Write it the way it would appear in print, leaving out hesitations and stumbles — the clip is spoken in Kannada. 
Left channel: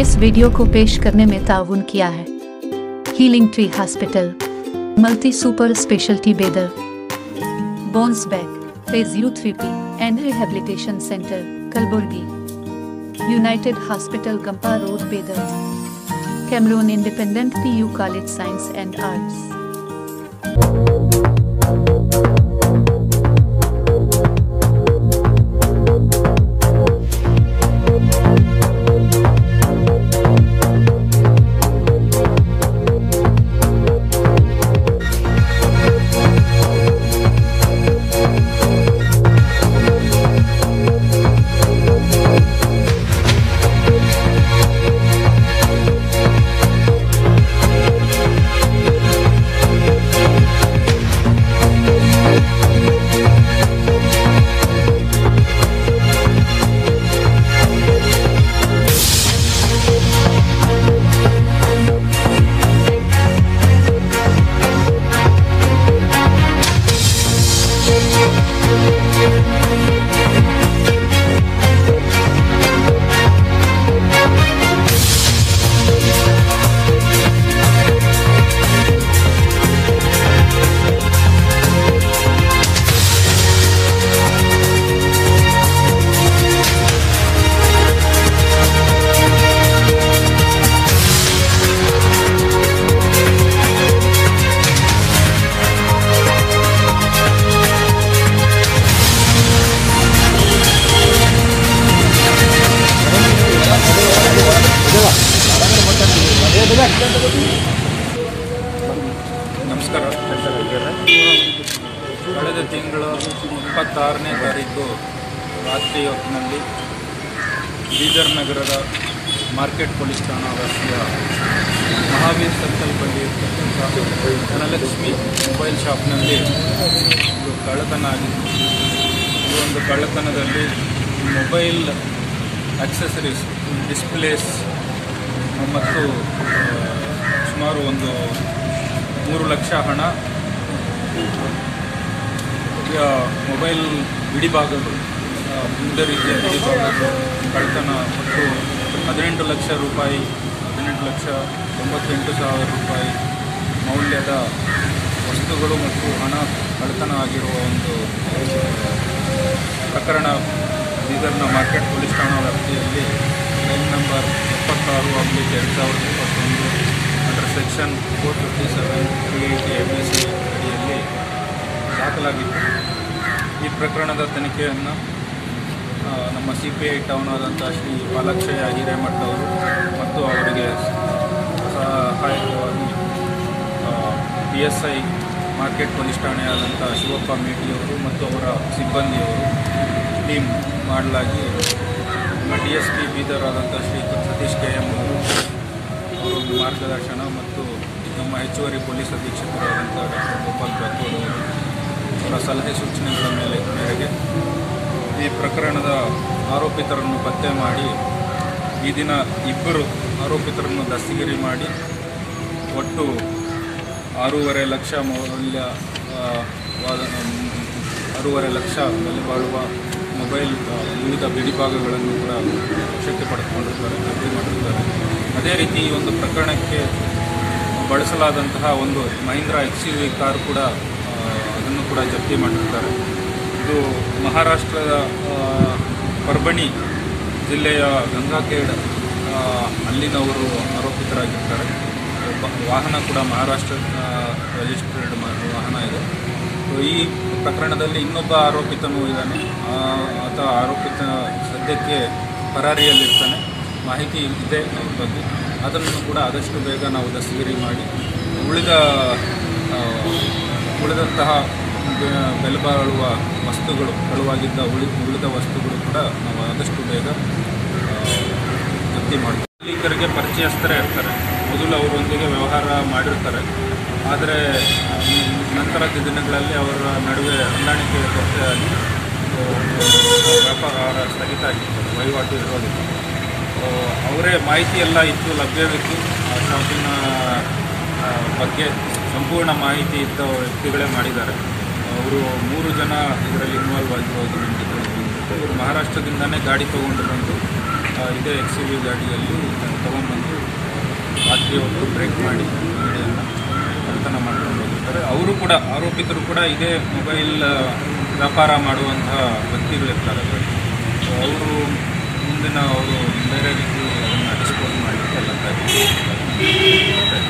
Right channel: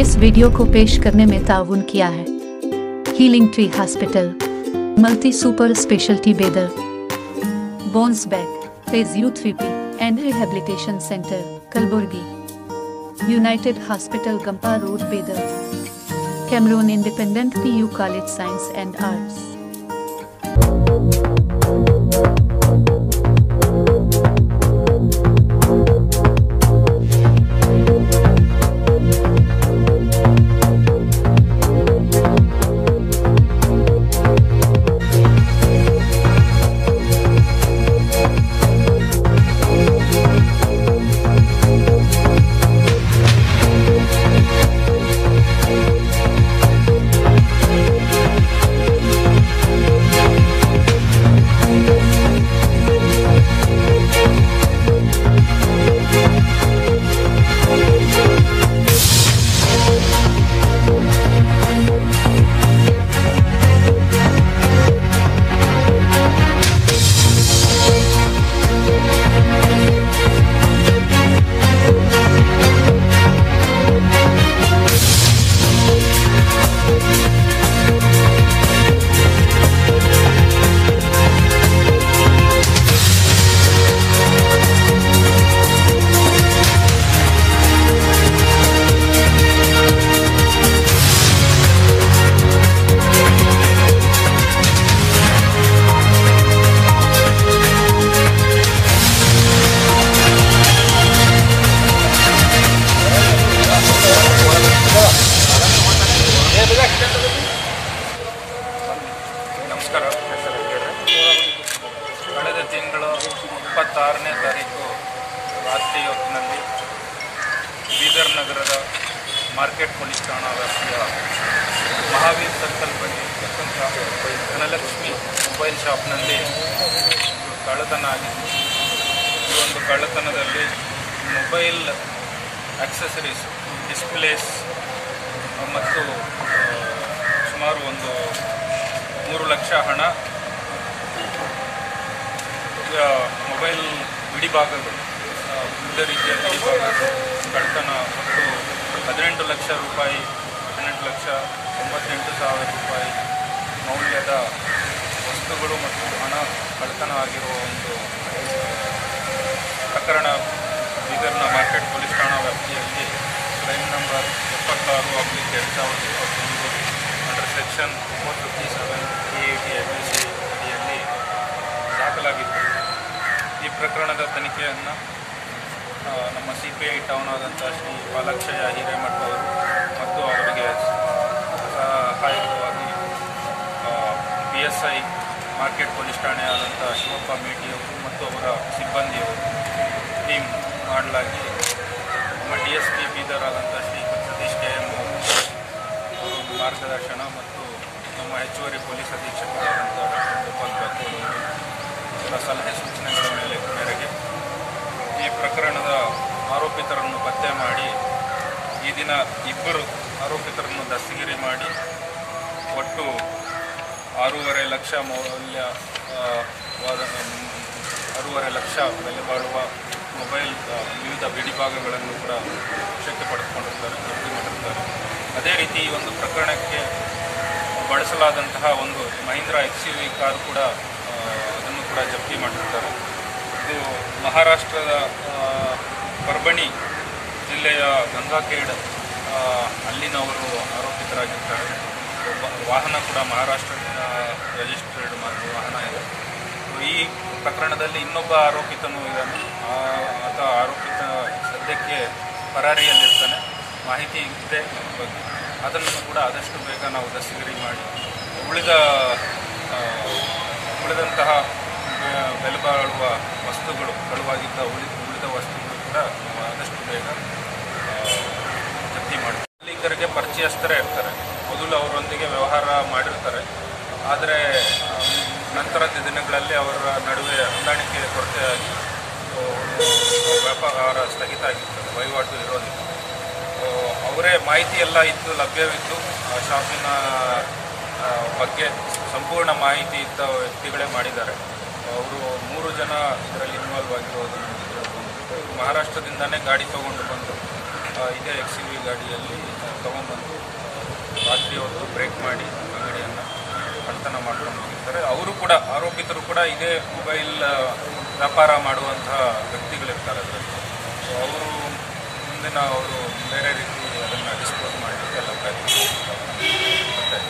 इस वीडियो को पेश करने में ताउन किया है healing tree hospital, multi super speciality Bidar, bones back, physiotherapy and rehabilitation centre Kalaburagi, united hospital Gumpa road Bidar, Cameroon independent PU college science and arts. ನಮಸ್ಕಾರ. ಕಳೆದ ತಿಂಗಳು 26ನೇ ತಾರೀಕು ರಾತ್ರಿ ಹೊತ್ತಿನಲ್ಲಿ ಬೀದರ್ ನಗರದ ಮಾರ್ಕೆಟ್ ಪೊಲೀಸ್ ಠಾಣಾ ವ್ಯಾಪ್ತಿಯ ಮಹಾವೀರ್ ಸರ್ಕಲ್ ಬಳಿ ಇರ್ತಕ್ಕಂಥ ಧನಲಕ್ಷ್ಮಿ ಮೊಬೈಲ್ ಶಾಪ್ನಲ್ಲಿ ಒಂದು ಕಳ್ಳತನ ಆಗಿತ್ತು. ಈ ಒಂದು ಕಳ್ಳತನದಲ್ಲಿ ಮೊಬೈಲ್ ಆಕ್ಸೆಸರೀಸ್, ಡಿಸ್ಪ್ಲೇಸ್ ಮತ್ತು ಸುಮಾರು ಒಂದು 3 ಲಕ್ಷ ಹಣ, ಮೊಬೈಲ್ ಬಿಡಿಭಾಗಗಳು, ವಿವಿಧ ರೀತಿಯ ಬಿಡಿಭಾಗಗಳು ಕಳ್ಳತನ ಮತ್ತು 18 ಲಕ್ಷ ರೂಪಾಯಿ, 18,98,000 ರೂಪಾಯಿ ಮೌಲ್ಯದ ವಸ್ತುಗಳು ಮತ್ತು ಹಣ ಕಳ್ಳತನ ಆಗಿರುವ ಒಂದು ಪ್ರಕರಣ ಬೀದರ್ನ ಮಾರ್ಕೆಟ್ ಪೊಲೀಸ್ ಠಾಣಾ ವ್ಯಾಪ್ತಿಯಲ್ಲಿ crime number 76/2021 under section 457 380 ABC ಅಡಿಯಲ್ಲಿ ದಾಖಲಾಗಿತ್ತು. ಈ ಪ್ರಕರಣದ ತನಿಖೆಯನ್ನು ನಮ್ಮ CPI ಟೌನ್ ಆದಂಥ ಶ್ರೀ ಪಾಲಾಕ್ಷಯ್ಯ ಹಿರೇಮಠ ಅವರು ಮತ್ತು ಅವರಿಗೆ ಸಹಾಯಕವಾಗಿ PSI ಮಾರ್ಕೆಟ್ ಪೊಲೀಸ್ ಠಾಣೆ ಆದಂಥ ಶಿವಪ್ಪ ಮೇಟಿಯವರು ಮತ್ತು ಅವರ ಸಿಬ್ಬಂದಿಯವರು ಟೀಮ್ ಮಾಡಲಾಗಿ ನಮ್ಮ DSP ಬೀದರ್ ಆದಂಥ ಶ್ರೀ ಸತೀಶ್ KM ಅವರು ಮಾರ್ಗದರ್ಶನ ಮತ್ತು ನಮ್ಮ ಹೆಚ್ಚುವರಿ ಪೊಲೀಸ್ ಅಧೀಕ್ಷಕರಾದಂಥ ಡಾಕ್ಟರ್ ಗೋಪಾಲ್ ಬ್ಯಾಕೋಡ್ ಅವರು ಅವರ ಸಲಹೆ ಸೂಚನೆಗಳ ಮೇರೆಗೆ ಈ ಪ್ರಕರಣದ ಆರೋಪಿತರನ್ನು ಪತ್ತೆ ಮಾಡಿ ಈ ದಿನ 2 ಆರೋಪಿತರನ್ನು ದಸ್ತಗಿರಿ ಮಾಡಿ ಒಟ್ಟು 6.5 ಲಕ್ಷ ಮೌಲ್ಯವಾದ 6.5 ಲಕ್ಷ ಬೆಲೆ ಬಾಳುವ ಮೊಬೈಲ್ ವಿವಿಧ ಬಿಡಿಭಾಗಗಳನ್ನು ಕೂಡ ವಶಕ್ಕೆ ಪಡೆದುಕೊಂಡಿರ್ತಾರೆ, ಜಪ್ತಿ ಮಾಡಿರ್ತಾರೆ. ಅದೇ ರೀತಿ ಈ ಒಂದು ಪ್ರಕರಣಕ್ಕೆ ಬಳಸಲಾದಂತಹ ಒಂದು ಮಹೀಂದ್ರ XUV ಕಾರ್ ಕೂಡ ಅದನ್ನು ಕೂಡ ಜಪ್ತಿ ಮಾಡಿರ್ತಾರೆ. ಇದು ಮಹಾರಾಷ್ಟ್ರದ ಪರ್ಬಣಿ ಜಿಲ್ಲೆಯ ಗಂಗಾಖೇಡ್ ಅಲ್ಲಿನವರು ಆರೋಪಿತರಾಗಿರ್ತಾರೆ. ವಾಹನ ಕೂಡ ಮಹಾರಾಷ್ಟ್ರ ರಿಜಿಸ್ಟರ್ಡ್ ವಾಹನ ಇದೆ. ಈ ಪ್ರಕರಣದಲ್ಲಿ ಇನ್ನೊಬ್ಬ ಆರೋಪಿತನೂ ಇದ್ದಾನೆ. ಆತ ಆರೋಪಿತ ಸದ್ಯಕ್ಕೆ ಪರಾರಿಯಲ್ಲಿರ್ತಾನೆ. ಮಾಹಿತಿ ಇದೆ ಅವ್ರ ಬಗ್ಗೆ. ಅದನ್ನು ಕೂಡ ಆದಷ್ಟು ಬೇಗ ನಾವು ದಸ್ತಗಿರಿ ಮಾಡಿ ಉಳಿದಂತಹ ಬೆಲೆ ಬಾಳುವ ವಸ್ತುಗಳು, ಕಳುವಾಗಿದ್ದ ಉಳಿದ ವಸ್ತುಗಳು ಕೂಡ ನಾವು ಆದಷ್ಟು ಬೇಗ ಜಪ್ತಿ ಮಾಡ್ತೀವಿ. ಮಾಲೀಕರಿಗೆ ಪರಿಚಯಸ್ಥರೇ ಇರ್ತಾರೆ. ಮೊದಲು ಅವರೊಂದಿಗೆ ವ್ಯವಹಾರ ಮಾಡಿರ್ತಾರೆ. ಆದರೆ ನಂತರದ ದಿನಗಳಲ್ಲಿ ಅವರ ನಡುವೆ ಹೊಂದಾಣಿಕೆ ಕೊರತೆಯಾಗಿ ವ್ಯಾಪಾರ ಸ್ಥಗಿತ ಆಗಿರ್ತದೆ, ವಹಿವಾಟು ಇರೋದಿಲ್ಲ. ಅವರೇ ಮಾಹಿತಿ ಎಲ್ಲ ಇದ್ದು ಲಭ್ಯವಿದ್ದು ಶಾಪಿನ ಬಗ್ಗೆ ಸಂಪೂರ್ಣ ಮಾಹಿತಿ ಇದ್ದ ವ್ಯಕ್ತಿಗಳೇ ಮಾಡಿದ್ದಾರೆ. ಅವರು 3 ಜನ ಇದರಲ್ಲಿ ಇನ್ವಾಲ್ವ್ ಆಗಿರೋದು ನಮಗೆ ತಿಳಿದು. ಮಹಾರಾಷ್ಟ್ರದಿಂದನೇ ಗಾಡಿ ತಗೊಂಡು ಬಂದು ಇದೇ XUV ಗಾಡಿಯಲ್ಲಿ ತೊಗೊಂಬಂದು ರಾತ್ರಿ ಹೊತ್ತು ಬ್ರೇಕ್ ಮಾಡಿ ಅಂಗಡಿಯನ್ನು ಕಳ್ಳತನ ಮಾಡ್ಕೊಂಡು ಹೋಗಿರ್ತಾರೆ. ಅವರು ಕೂಡ ಆರೋಪಿತರು ಕೂಡ ಇದೇ ಮೊಬೈಲ್ ವ್ಯಾಪಾರ ಮಾಡುವಂತಹ ವ್ಯಕ್ತಿಗಳಿರ್ತಾರೆ ಅದರಲ್ಲಿ. ಸೊ ಅವರು ಮುಂದಿನ ಅವರು ಬೇರೆ ರೀತಿ ಅದನ್ನು ಡಿಸ್ಪೋಸ್ ಮಾಡಲಿಕ್ಕೆ ಎಲ್ಲ ಪ್ರಯತ್ನ ಮಾಡ್ತಾರೆ.